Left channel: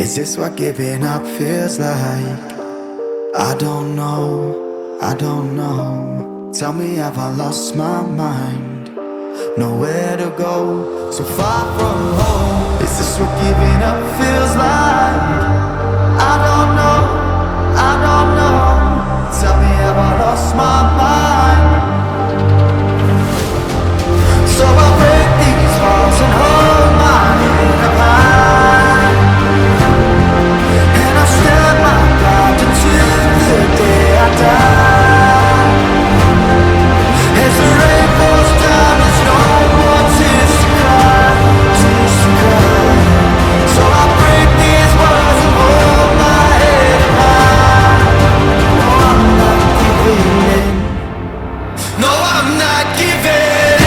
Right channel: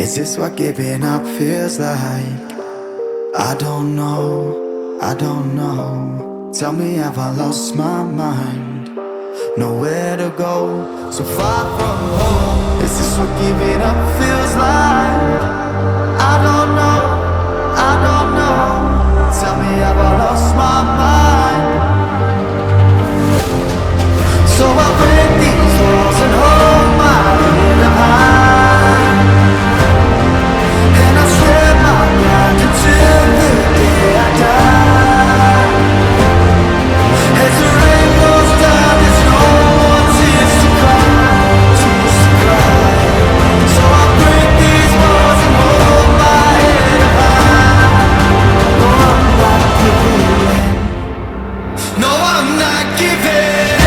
Is this what giving up feels like? I don't know, I don't know. Tell me, have I lost my mind? Nowhere to go, so far from home. Is this what giving up feels like? I don't know, I don't know. Tell me, have I lost my mind? So I break these walls and hold my head up high, and I step my ground until the day I die. As the rain falls down, there's no more tears to cry, tears to cry. So I break these walls and hold my head up high. No, I'm not giving in. No, I'm not giving in.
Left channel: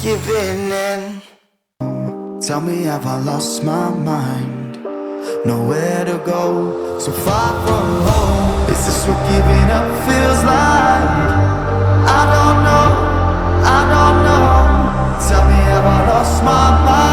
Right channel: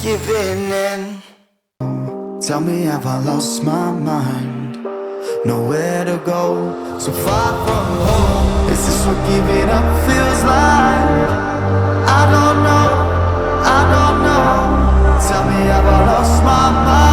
Giving in. Tell me, have I lost my mind? Nowhere to go, so far from home. Is this what giving up feels like? I don't know, I don't know. Tell me, have I lost my mind?